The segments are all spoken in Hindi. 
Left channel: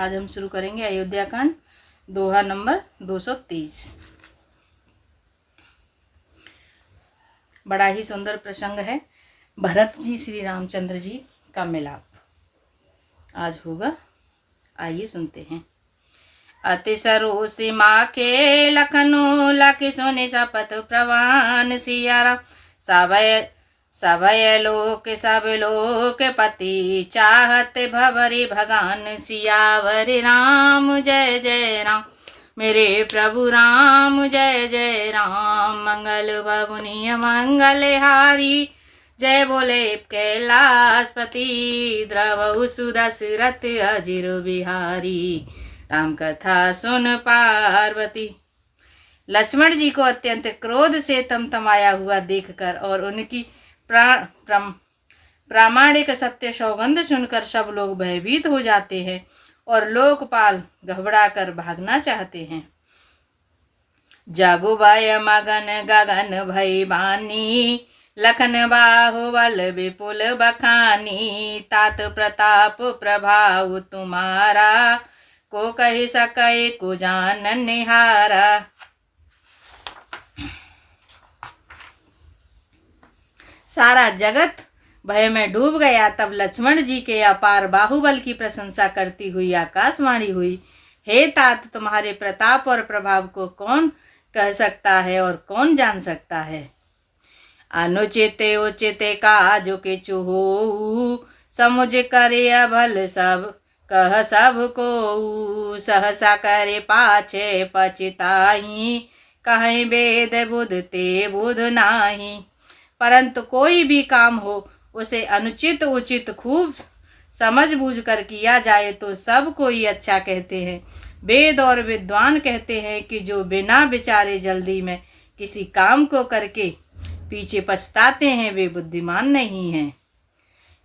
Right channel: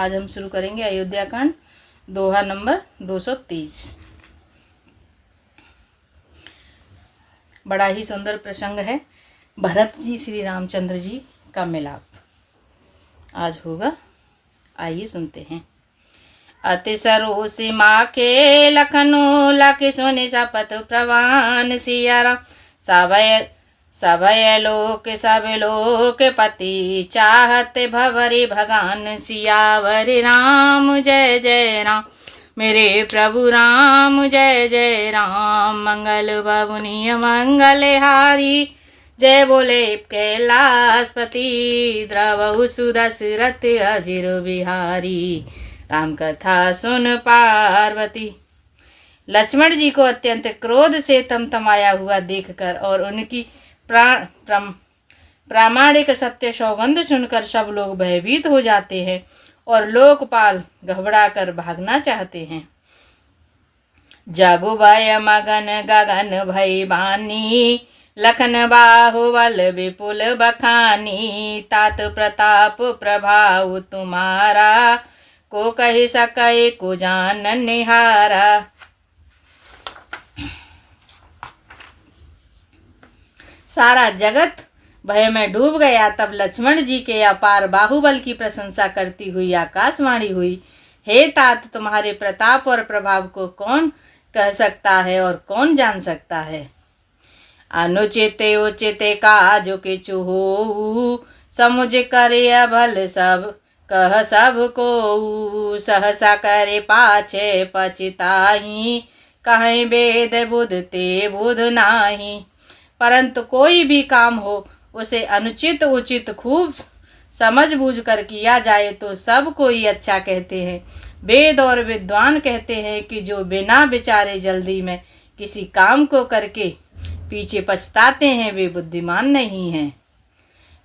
आज हम शुरू करेंगे अयोध्या कांड दोहा नंबर 223। बड़ा ही सुंदर प्रसंग है। भरत जी श्री रामचंद्र जी का मिलाप आज होगा। आइए सुनते हैं। अति सरो सीमा के लखनऊ लाके सोने शपथ प्रवान सियारा सभय लोक पति चाहत भवरी भगवान सियावर राम जय जय राम मेरे प्रभु राम जय जय राम। मंगल भवनीय मंगल हारी जय बोले कैलाशपति द्रवहु सुदशरथ अजिर बिहारी राम कथा सुन पार्वती। लक्ष्मण जी को अत्यंत क्रोध से तमतमाया हुआ देखकर और उनकी प्रामाणिक सत्य सौगंध सुनकर सब लोग भयभीत हो जाते हैं और लोकपाल घबराकर भागना चाहते हैं। जागो भय मगन गगन भय बानी लखन बाहुबल विपुल बखानी तात प्रताप प्रभाव तुम्हारा को कह सके को जान निहारा। सारा जगत भय में डूब गया। तब लक्ष्मण जी के अपार बाहुबल की प्रशंसा करती हुई आकाशवाणी हुई, हे तात, तुम्हारे प्रताप और प्रभाव को कौन कह सकता है और कौन जान सकता है। अनुचित उचित काजो के चुहो समुझ करे भल सब कह सब को सहसा करे पाछे पछताही कहीं वेद बुध ते बुध नाही। परंतु कोई भी काम हो उसे अनुचित उचित खूब समझ बूझ कर किया जाए तो सब कोई अच्छा कहते हैं। वेद और विद्वान कहते हैं कि जो बिना विचारे जल्दी में किसी काम को करके पीछे पछताते हैं वे बुद्धिमान नहीं हैं।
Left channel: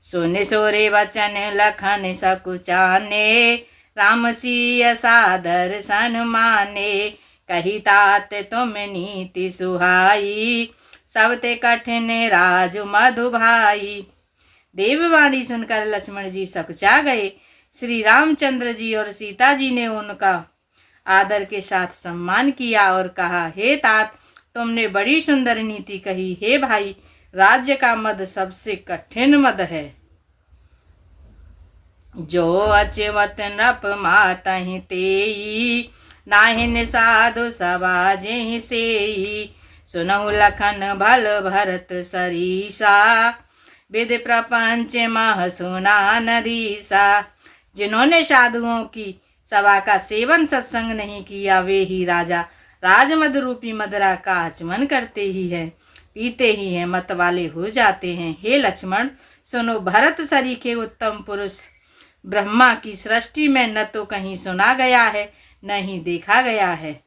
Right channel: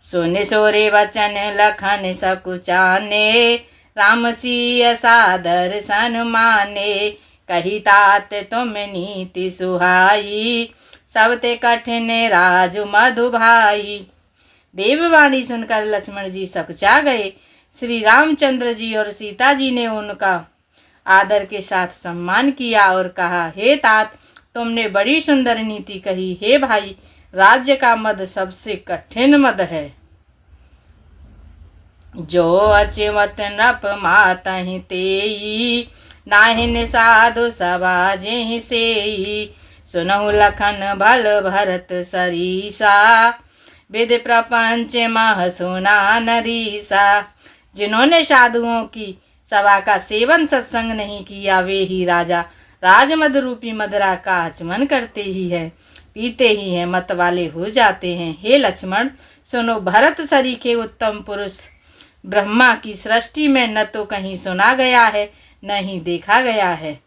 सोने सोरे वचन लखन सकुचाने राम सिय सादर सन माने कही तात तुम नीति सुहाई सब ते कठिन राज मधु भाई। देववाणी सुनकर लक्ष्मण जी सकुचा गए। श्री रामचंद्र जी और सीता जी ने उनका आदर के साथ सम्मान किया और कहा, हे तात, तुमने बड़ी सुंदर नीति कही। हे भाई, राज्य का मद सबसे कठिन मद है। जो अचिमत नृप मातहि तेई नाहिन साधु सभा जेहि सेई सुनहु लखन भल भरत सरीसा विद प्रपंच मह सुना नदीसा। जिन्होंने साधुओं की सभा का सेवन सत्संग नहीं किया वे ही राजा राजमद रूपी मदरा का आचमन करते ही है, पीते ही हैं, मत वाले हो जाते हैं। हे लक्ष्मण, सुनो, भरत सरीखे उत्तम पुरुष ब्रह्मा की सृष्टि में न तो कहीं सुना गया है न ही देखा गया है।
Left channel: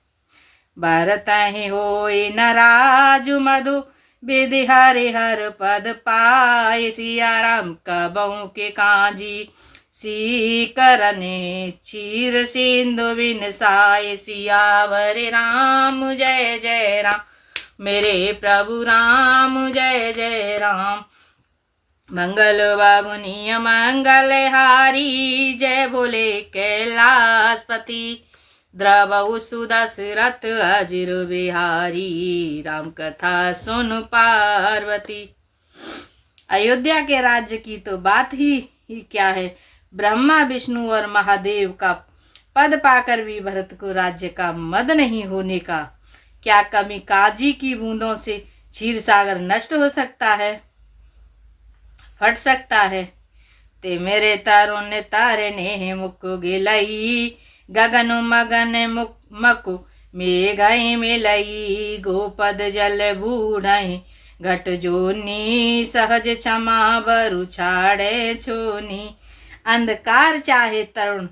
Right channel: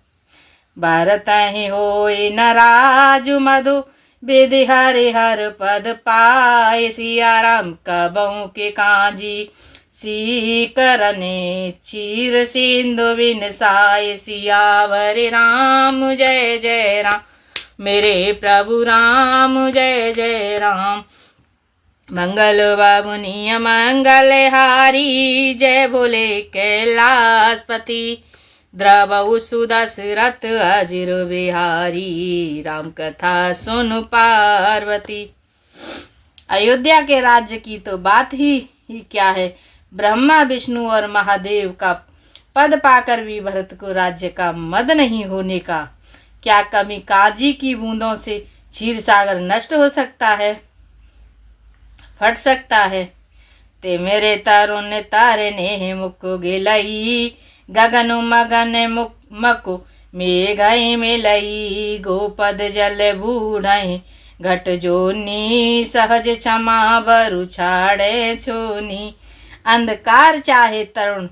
भरत ही होए न राजु मधु विधि हरि हर पद पाए सिया राम कबहु के काजी सी करने चीर सिंधु बिन साय सियावर राम जय जय राम मेरे प्रभु राम जय जय राम। मंगल बाबुनिय मंगल हारी जय बोले कैलाशपति द्रवहु सुदशरथ अजिर बिहारी राम कथा सुन पार्वती। अयोध्या के राज्य की तो बात ही क्या है। ब्रह्मा विष्णु और महादेव का पद पाकर भी भरत को राज्य का मद नहीं होने का क्या कमी काजी की बूंदों से क्षीर सागर नष्ट हो सकता है, फट सकता है। ते मेरे तरुण तारे ने मुक्को गिलई गगन मगन मकु मेघई मिलई गोपद जल बूढ़ई घट जोनी सहज क्षमा बरु छाड़े छोनी। अंधकार चाहे तरुण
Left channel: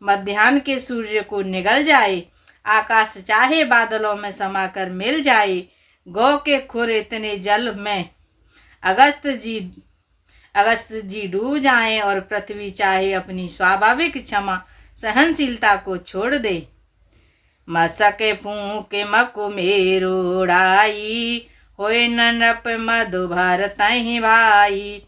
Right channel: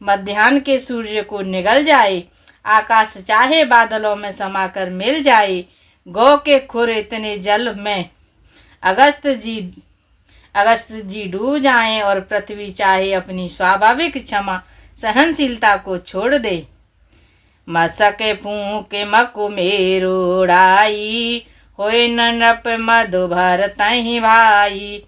मध्याह्न के सूर्य को निगल जाए, आकाश चाहे बादलों में समाकर मिल जाए, गौ के खुर इतने जल में अगस्त जी डूब जाएं और पृथ्वी चाहे अपनी स्वाभाविक क्षमा सहनशीलता को छोड़ दे। मसके फूके मकु मेरुड़ाई होए नप मधु भरतहि भाई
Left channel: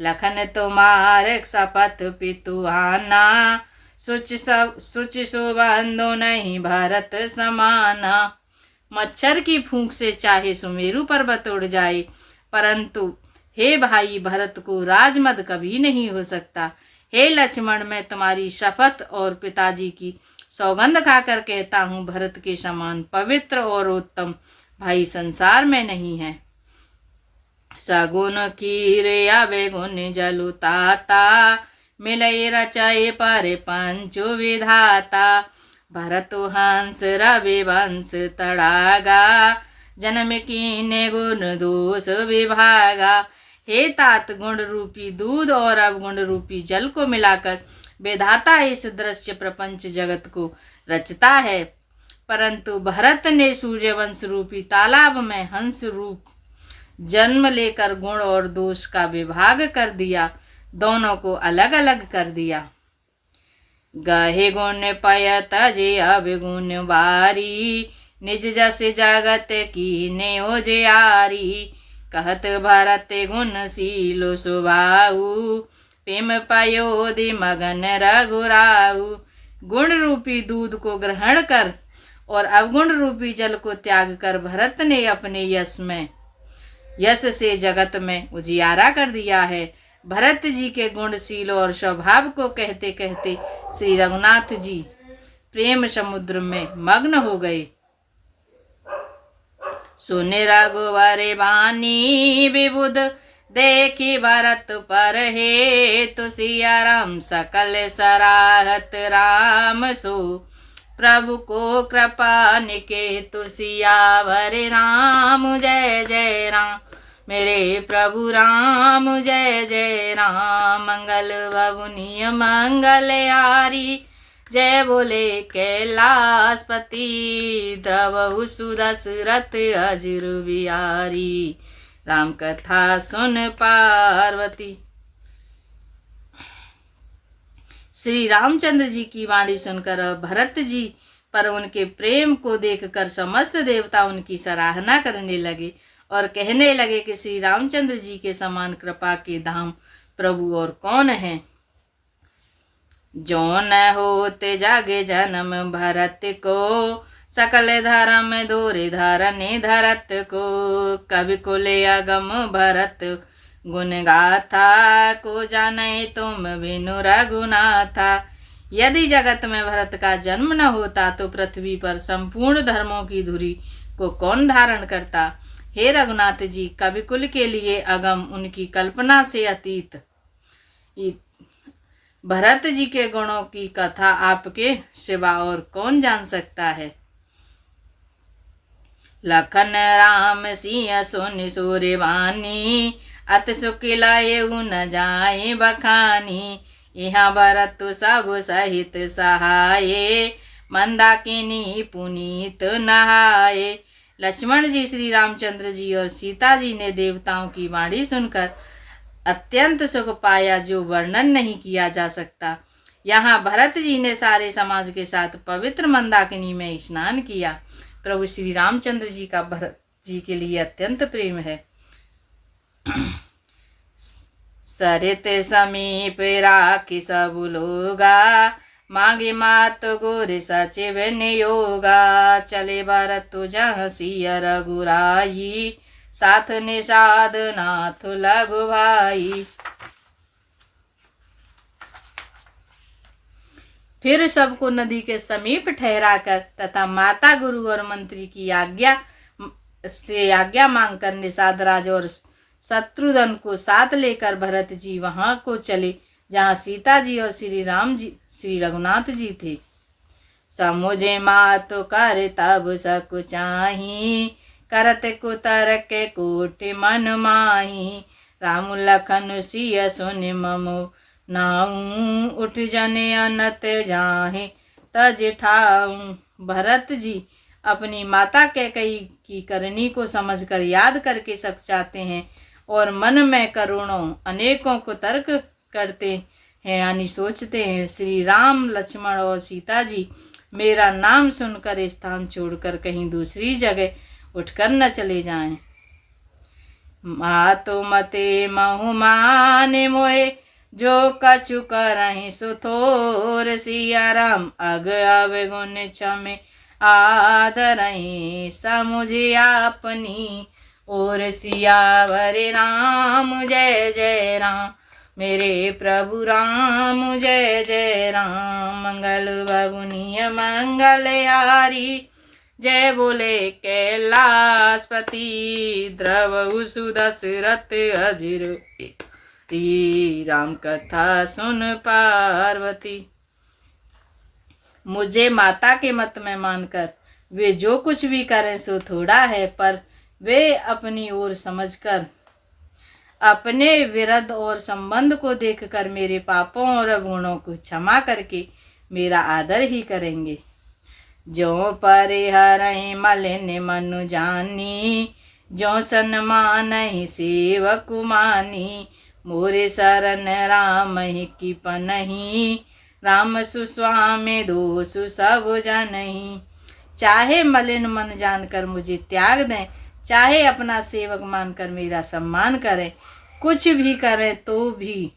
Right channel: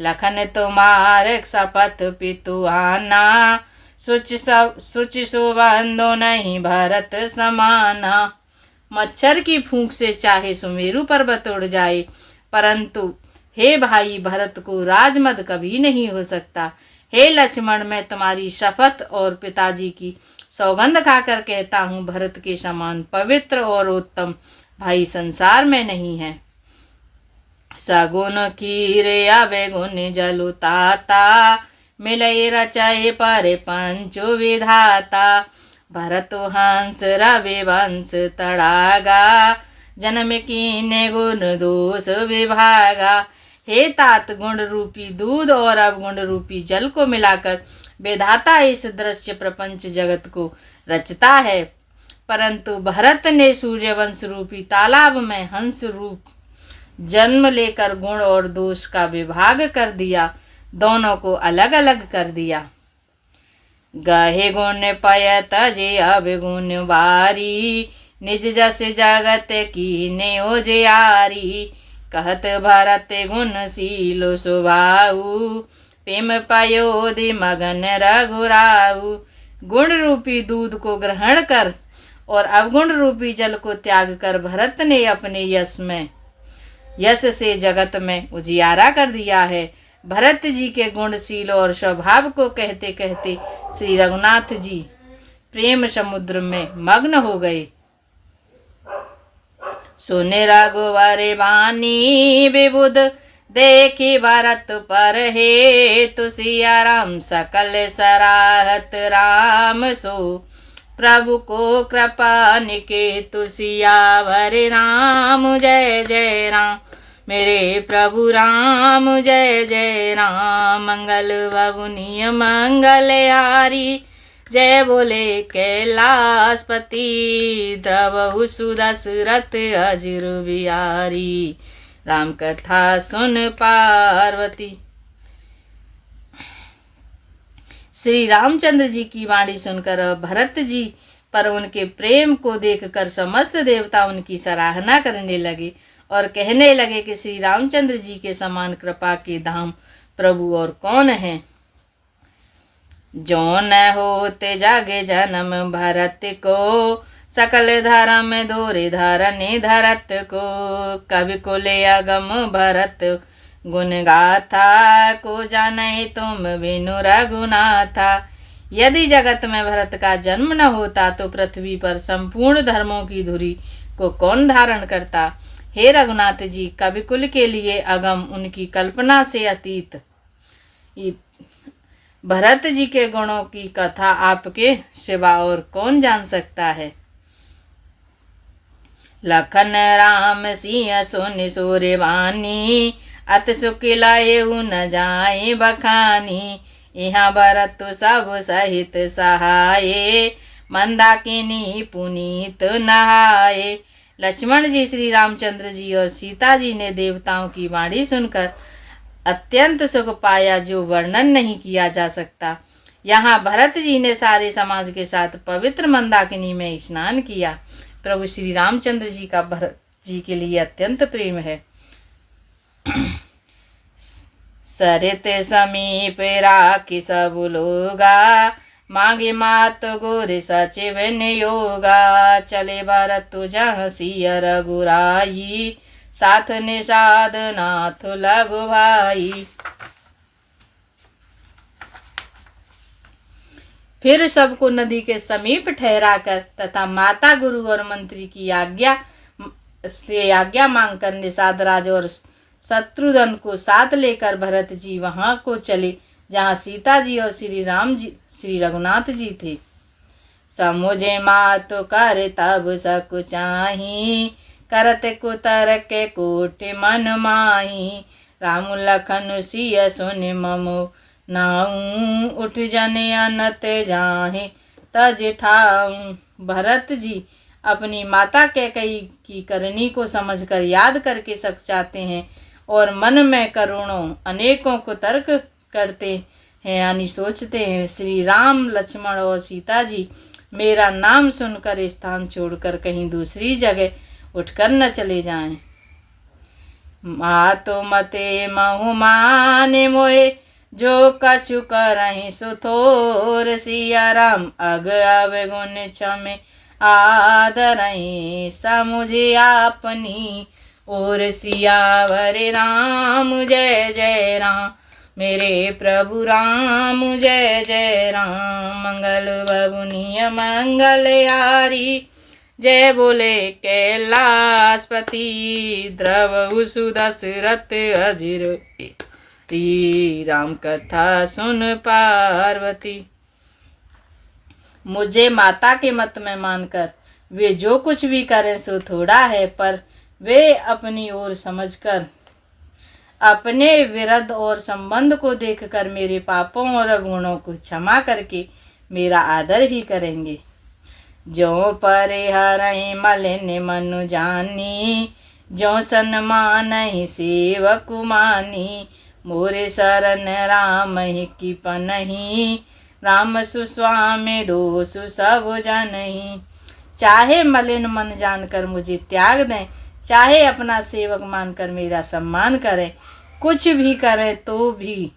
लखन तुम्हार शपथ पितु आना सुचि सुबंधो नहीं भरत समाना। मच्छर की फूंक से चाहे सुमेरु पर्वत उड़ जाए, परंतु हे भाई भरत को राजमद कभी नहीं हो सकता। हे लक्ष्मण, मैं तुम्हारी शपथ और पिताजी की सौगंध खाकर कहता हूँ, भरत के समान पवित्र और उत्तम भाई संसार में नहीं है। सगुन खीरे अवगुण जलुताता, मिलय रचय पर पंचु विधाता। भरत हंस रवि वंश तड़ागा, जन्म कीने गुण दोष विभागा। हे तात, गुण रूपी दूध और अवगुण रूपी जल को मिलाकर विधाता इस दृश्य प्रपंच जगत को रचता है, परंतु भरत ने सूर्यवंश रूपी तालाब में हंस रूप जन्म लेकर गुण और दोष का विभाग कर दिया, दोनों को अलग अलग कर दिया। गहे गुण पय तजे अवगुण वारी, निज जस जगत कीने उजियारी। कहत भरत गुणशीलो सुभाऊ, प्रेम पयोधि मगन रघुराऊ। गुण रूपी दूध को ग्रहण कर और अवगुण रूपी जल को त्याग कर भरत ने अपने यश से जगत में उजियारा कर दिया है। भरत जी के गुणशील और स्वभाव को कहते कहते श्री रघुनाथ जी प्रेम समुद्र में मग्न हो गए। सुने रघुवर बानी विबुध, देखी भरत पर हे तुसिया राम। सकल सराहत राम सो, प्रभु को कृपा निकेतु सियावर राम। जय जय राम मेरे प्रभु राम, जय जय राम। मंगल भवनीय मंगल हारी, जय बोले कैलाशपति। द्रवहु सुदशरथ अजिर बिहारी, राम कथा सुन पार्वती। श्री रामचंद्र जी की वाणी सुनकर भरत जी पर उनके प्रेम को देखकर समस्त देवता उनकी सराहना करने लगे और कहने लगे कि श्री रामचंद्र जी के समान कृपा के धाम प्रभु और कौन है। जो न होते जागे जन्म भरत को, सकल धर्म दूर धरने धरत को। कवि कुले अगम भरत गुण गाथा, को जाने तुम बिनु रघुनाथा। यदि जगत में भरत का जन्म न होता तो पृथ्वी पर संपूर्ण धर्मों की धुरी को कौन धारण करता। हे रघुनाथ जी, कविकुल के लिए अगम, उनकी कल्पना से अतीत भरत जी के गुणों की कथा आपके सिवा और कौन जान सकता है। लखन राम सिंह सुनि सूर्यवाणी, अत सुखिलायु न जाए बखानी। यहाँ भरत सब सहित सहाये, मंदाकिनी पुनीत नहाए। लक्ष्मण जी, श्री रामचंद्र जी और सीता जी ने देवताओं की वाणी सुनकर अत्यंत सुख पाया, जो वर्णन नहीं किया जा सकता। यहाँ भरत जी ने सारे समाज के साथ पवित्र मंदाकिनी में स्नान किया। प्रभु श्री रामचंद्र जी का भरत जी के लिए अत्यंत प्रेम है। सरित समीप राखी सब लोगा, मांगे मात गोर सचिव योगा। चले भरत जह सिय रघुराई, साथ निषाद नाथ लघु भाई। फिर सबको नदी के समीप ठहराकर तथा माता गुरु और मंत्री की आज्ञा मांगकर निषाद राज और शत्रुघ्न को साथ लेकर भरत जी वहां को चले जहाँ सीता जी और श्री रघुनाथ जी थे। समुझे मात कर तब सक चाही, करत कुतर के कोट मन माही। राम लखन सिय सुन ममो नाऊ, उठ जने अनत जाहे तज ठाऊं। भरत जी अपनी माता कैकेयी की करनी को समझकर याद करके सक चाहते हैं और मन में करोड़ों अनेकों को तर्क करते हैं, यानी सोचते हैं, श्री राम लक्ष्मण और सीता जी मेरा नाम सुनकर स्थान छोड़कर कहीं दूसरी जगह उठकर न चले जाएं। मातो मते महु माने मोए, जो कछु करहि सुथोर। सिया राम अग अवगुण क्षमे आदरहि समुझे आपनी और। सियावर राम जय जय राम, मेरे प्रभु राम जय जय राम। मंगल बबुनिय मंगलहारी, जय बोले कैलाशपति। द्रवहु सुदशरथ अजिर, राम कथा सुन पार्वती। मुझे माता के मत में मानकर वे जो कुछ भी करें सो थोड़ा है, पर वे अपनी ओर समझकर अपने विरध और संबंध को देखकर मेरे पापों और अवगुणों को क्षमा करके मेरा आदर ही करेंगे। जो परिहरहि मलिन मनु जानी, जो सन्मानहि सेवक मानी। मोरे शरण राम ही की पनहि, राम सुस्वामी दोषु सब जनहि। चाहे मलिन मन जानकर मुझे त्याग दें, चाहे अपना सेवक मानकर मेरा सम्मान करें, कुछ भी करें तो भी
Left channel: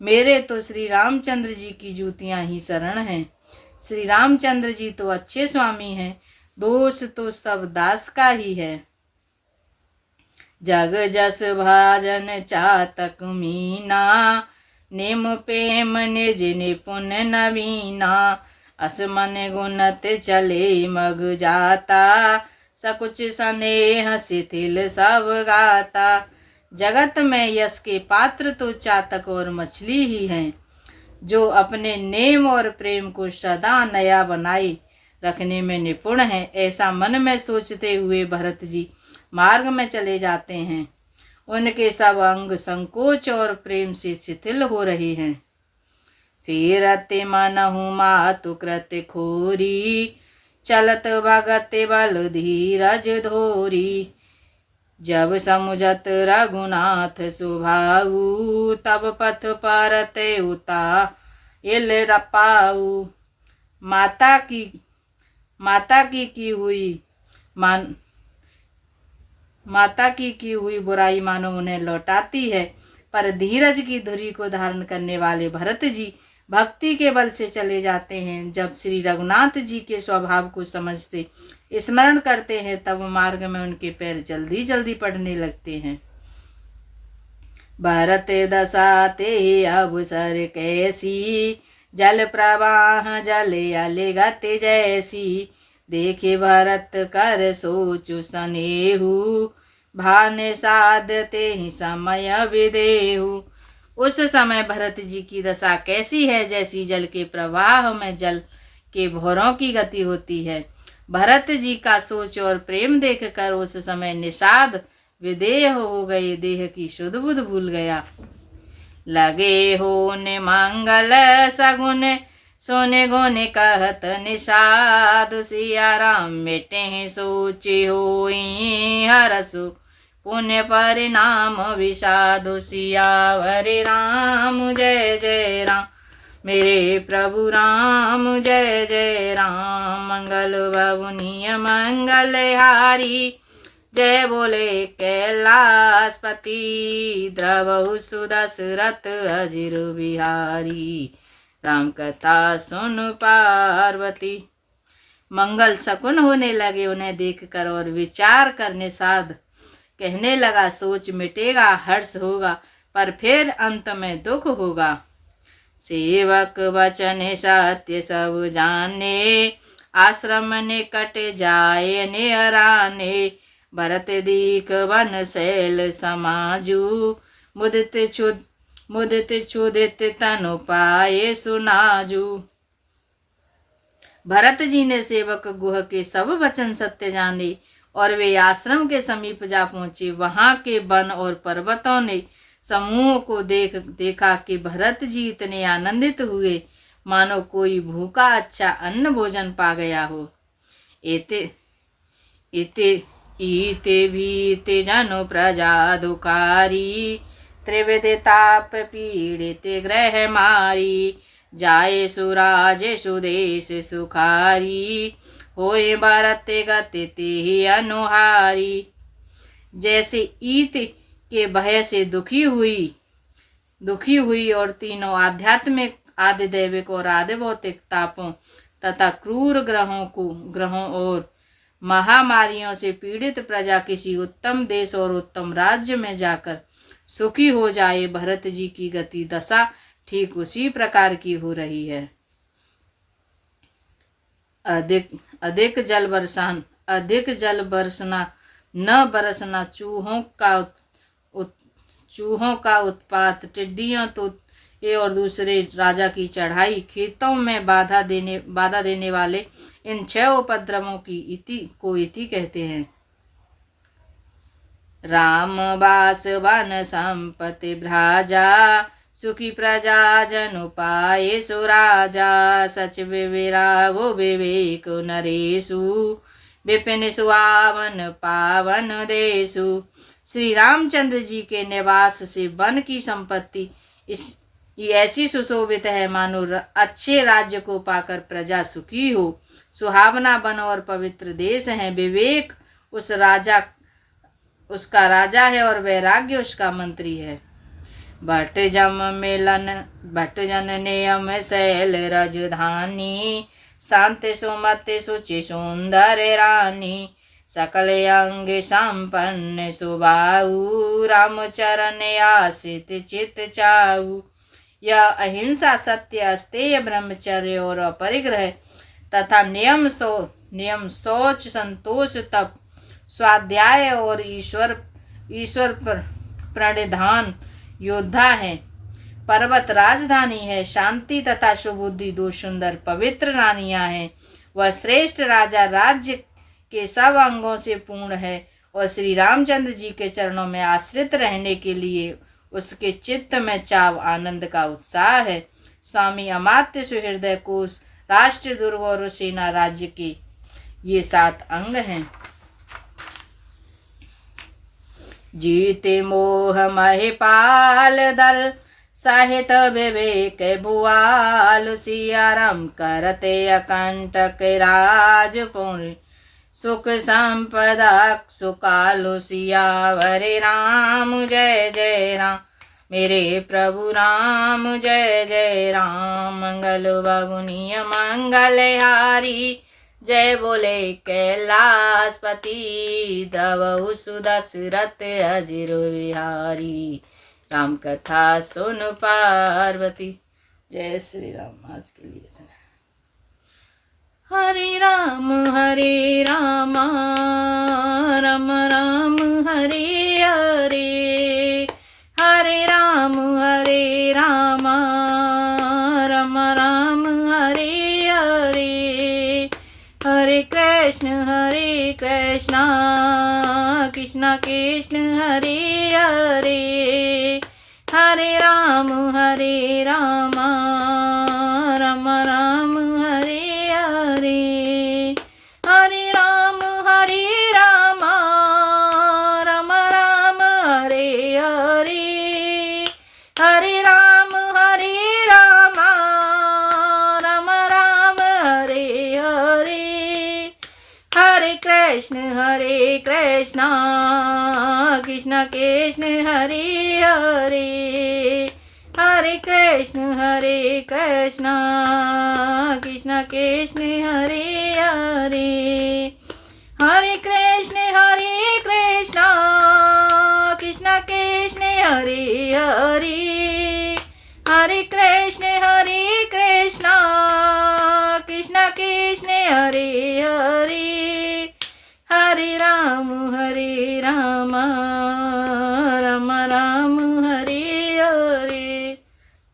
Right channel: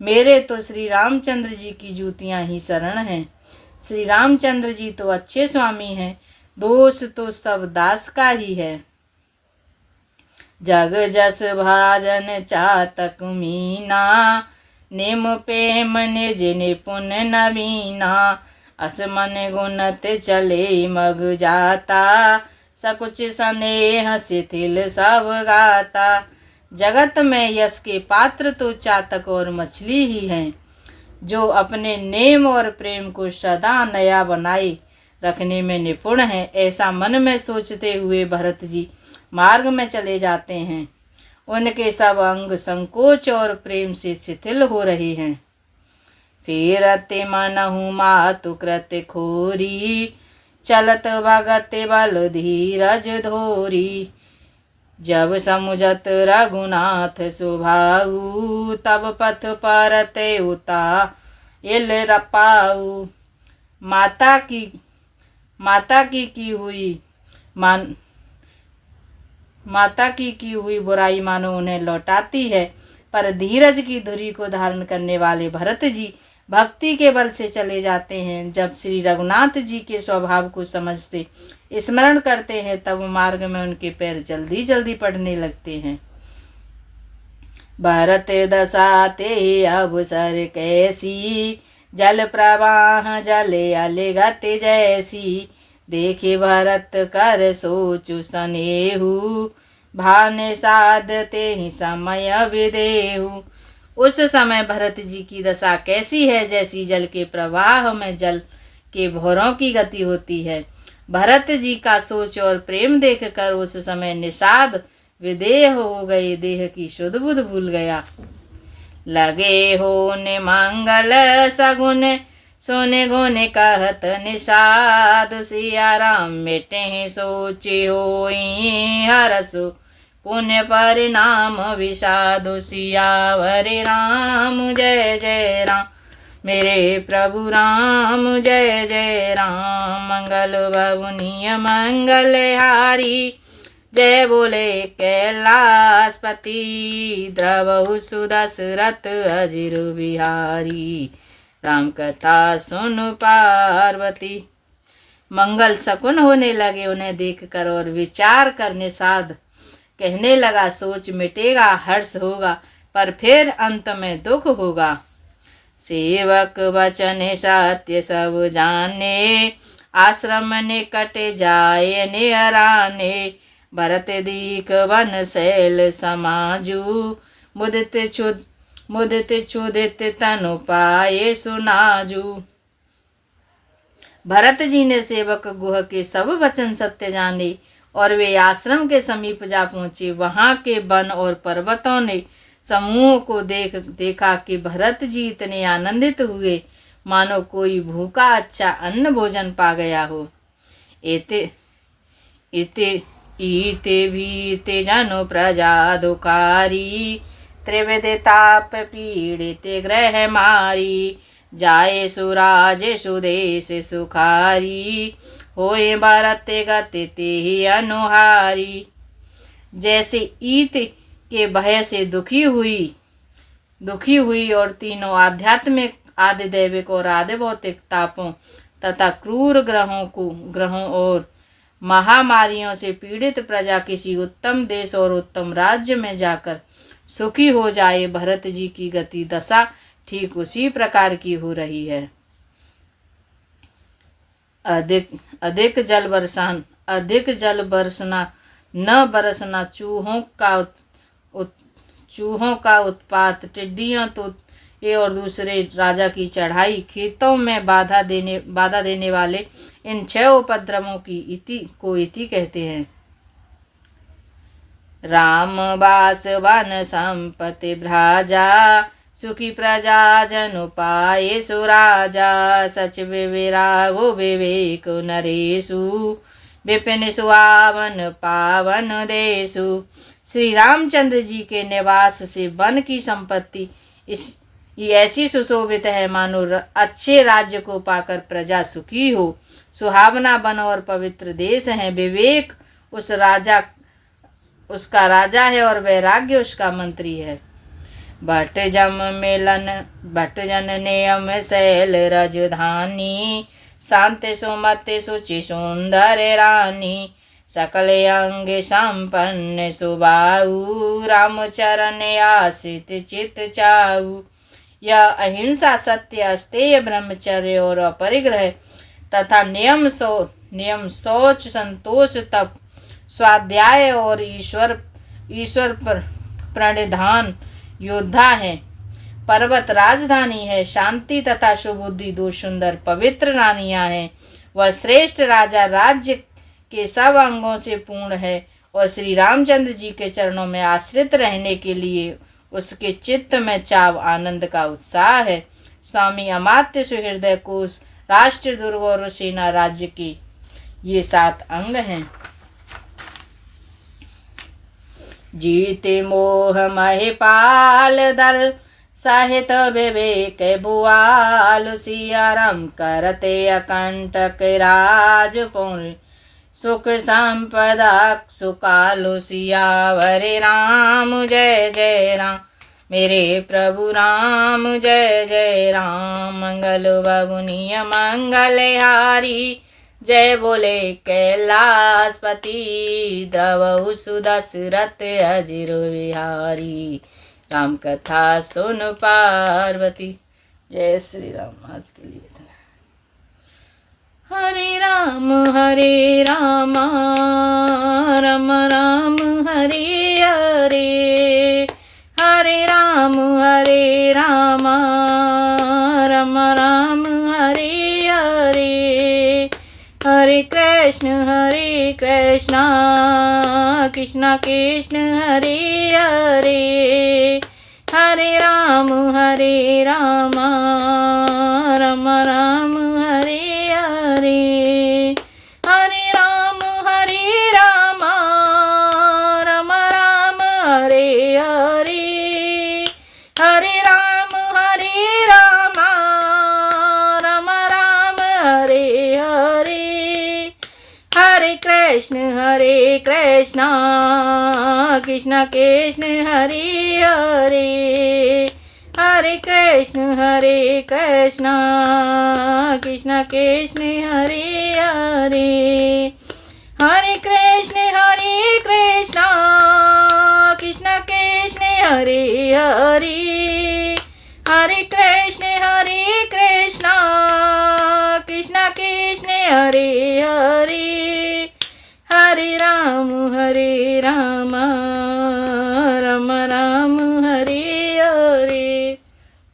मेरे तो श्री रामचंद्र जी की जूतियां ही शरण हैं। श्री रामचंद्र जी तो अच्छे स्वामी हैं, दोष तो सब दास का ही है। जग जस भाजन चातक मीना, निम प्रेम निज निपुण नवीना। असमन गुणत चले मग जाता, सकुच स्नेह शिथिल सब गाता। जगत में यश के पात्र तो चातक और मछली ही हैं, जो अपने नेम और प्रेम को सदा नया बनाए रखने में निपुण है। ऐसा मन में सोचते हुए भरत जी मार्ग में चले जाते हैं। उनके सब अंग संकोच और प्रेम से शिथिल हो रहे हैं। फेरते मनहु मातु कृत खोरी, चलत भगत बल धीरज धोरी। जब समुझत रघुनाथ सुभाऊ, तब पथ परत उता इल रपाऊ। माता की की हुई बुराई मानो उन्हें लौटाती है, पर धीरज की धुरी को धारण करने वाले भरत जी भक्ति के बल से चले जाते हैं। जब श्री रघुनाथ जी के स्वभाव को समझते स्मरण करते हैं, तब मार्ग में उनके पैर जल्दी जल्दी पड़ने लगते हैं। भरत दशा ते अवसर कैसी, जल प्रवाह जले अलगत जैसी। देखे भरत कर सोचु सनेहु, भाने साधते ही समय विदेहु। उस समय भरत जी की दशा कैसी है, जैसी जल के प्रवाह में जल के भौरों की गति होती है। भरत जी का सोच और प्रेम देखकर उस समय निषाद विदेह हो गए, देह की शुद्ध बुद्ध भूल गया। लगे हो ने मंगल सगुन, सोने गोने कहत निषाद। सिया राम मिटे ही सोची होई, हरसु पुण्य परिणाम विषादु। सियावर राम जय जय राम, मेरे प्रभु राम जय जय राम। मंगल बबुनिय मंगलहारी, जय बोले कैलाशपति। द्रवहु सुदशरथ अजिर बिहारी, राम कथा सुन पार्वती। मंगल शकुन होने लगे उन्हें देखकर, और विचार करने साध कहने लगा, सोच मिटेगा, हर्ष होगा, पर फिर अंत में दुख होगा। सेवक वचन सत्य सब जाने, आश्रम निकट जाए निहराने। भरत दीख वन शैल समाजू, मुदित क्षुदित तनु पाए सुनाजू। भरत जी ने सेवक गुह के सब वचन सत्य जाने, और वे आश्रम के समीप जा पहुंचे। वहां के वन और पर्वतों ने समूह को देखा कि भरत जी इतने आनंदित हुए मानो कोई भूखा अच्छा अन्न भोजन पा गया हो। इते भीते जनु प्रजा दुकारी, त्रिविध ताप पीड़ित ग्रह मारी। जाए सुराज सुदेश सुखारी, होए भरत गति ते अनुहारी। जैसे ईत के भय से दुखी हुई दुखी हुई और तीनों आध्यात्मिक, आदि दैविक और आदि भौतिक तापों तथा क्रूर ग्रहों और महामारियों से पीड़ित प्रजा किसी उत्तम देश और उत्तम राज्य में जाकर सुखी हो जाए। भरत जी की गति दशा ठीक उसी प्रकार की हो रही है। अधिक जल बरसना, न बरसना, चूहों का उत्पात, टिड्डियों तो ये और दूसरे राजा की चढ़ाई, खेतों में बाधा देने वाले इन 6 उपद्रवों की इति कहते हैं। राम बास वन संपत्ति भ्राजा, सुखी प्रजा जन पाए सुराजा, सच विरागो विवेक नरेशु, विपिन सुहावन पावन देशु। श्री रामचंद्र जी के निवास से वन की संपत्ति ये ऐसी सुशोभित है मानो अच्छे राज्य को पाकर प्रजा सुखी हो। सुहावना वन और पवित्र देश है। विवेक उसका राजा है और वैराग्य उसका मंत्री है। भट्ट जन नियम शैल राजधानी, शांत सुमति सुचि सुंदर रानी, सकल अंग संपन्न सुबाऊ, रामचरण आश्रित चित चाऊ। यह अहिंसा, सत्य, अस्तेय, ब्रह्मचर्य और अपरिग्रह तथा नियम, शौच, संतोष, तप, स्वाध्याय और ईश्वर प्रणिधान योद्धा है। पर्वत राजधानी है। शांति तथा सुबुद्धि 2 सुंदर पवित्र रानियां हैं। वह श्रेष्ठ राजा राज्य के सब अंगों से पूर्ण है और श्री रामचंद्र जी के चरणों में आश्रित रहने के लिए उसके चित्त में चाव, आनंद का उत्साह है। स्वामी अमात्य सुहृदय कोश, राष्ट्र दुर्ग और सेना राज्य के ये 7 अंग हैं। जीते मोह महिपाल दल, साहित विवेक भुआल, सियाराम करते अकंटक राज पुण्य, सुख संपदा सुकालु, सियावर राम जय जय राम, मेरे प्रभु राम जय जय राम। मंगल बबुनिय मंगलहारी, जय बोले कैलाशपति, द्रवहु सुदशरथ अजिर विहारी, राम कथा सुन पार्वती। जय श्री राम। आज के लिए हरे राम राम राम हरे हरे, हरे राम राम राम हरे हरे, हरे कृष्ण कृष्ण कृष्ण हरे हरे, हरे राम राम राम हरे हरे, हरे राम राम हरे हरे, हरे राम राम हरे हरे, हरे कृष्ण कृष्ण हरे हरे, हरे कृष्ण कृष्ण हरे हरे, हरे कृष्ण कृष्ण हरे हरे, हरे कृष्ण कृष्ण हरे हरे, हरे राम राम राम हरे हरे।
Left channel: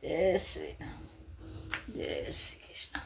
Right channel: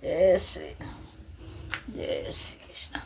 जय श्री राम, जय श्री कृष्ण।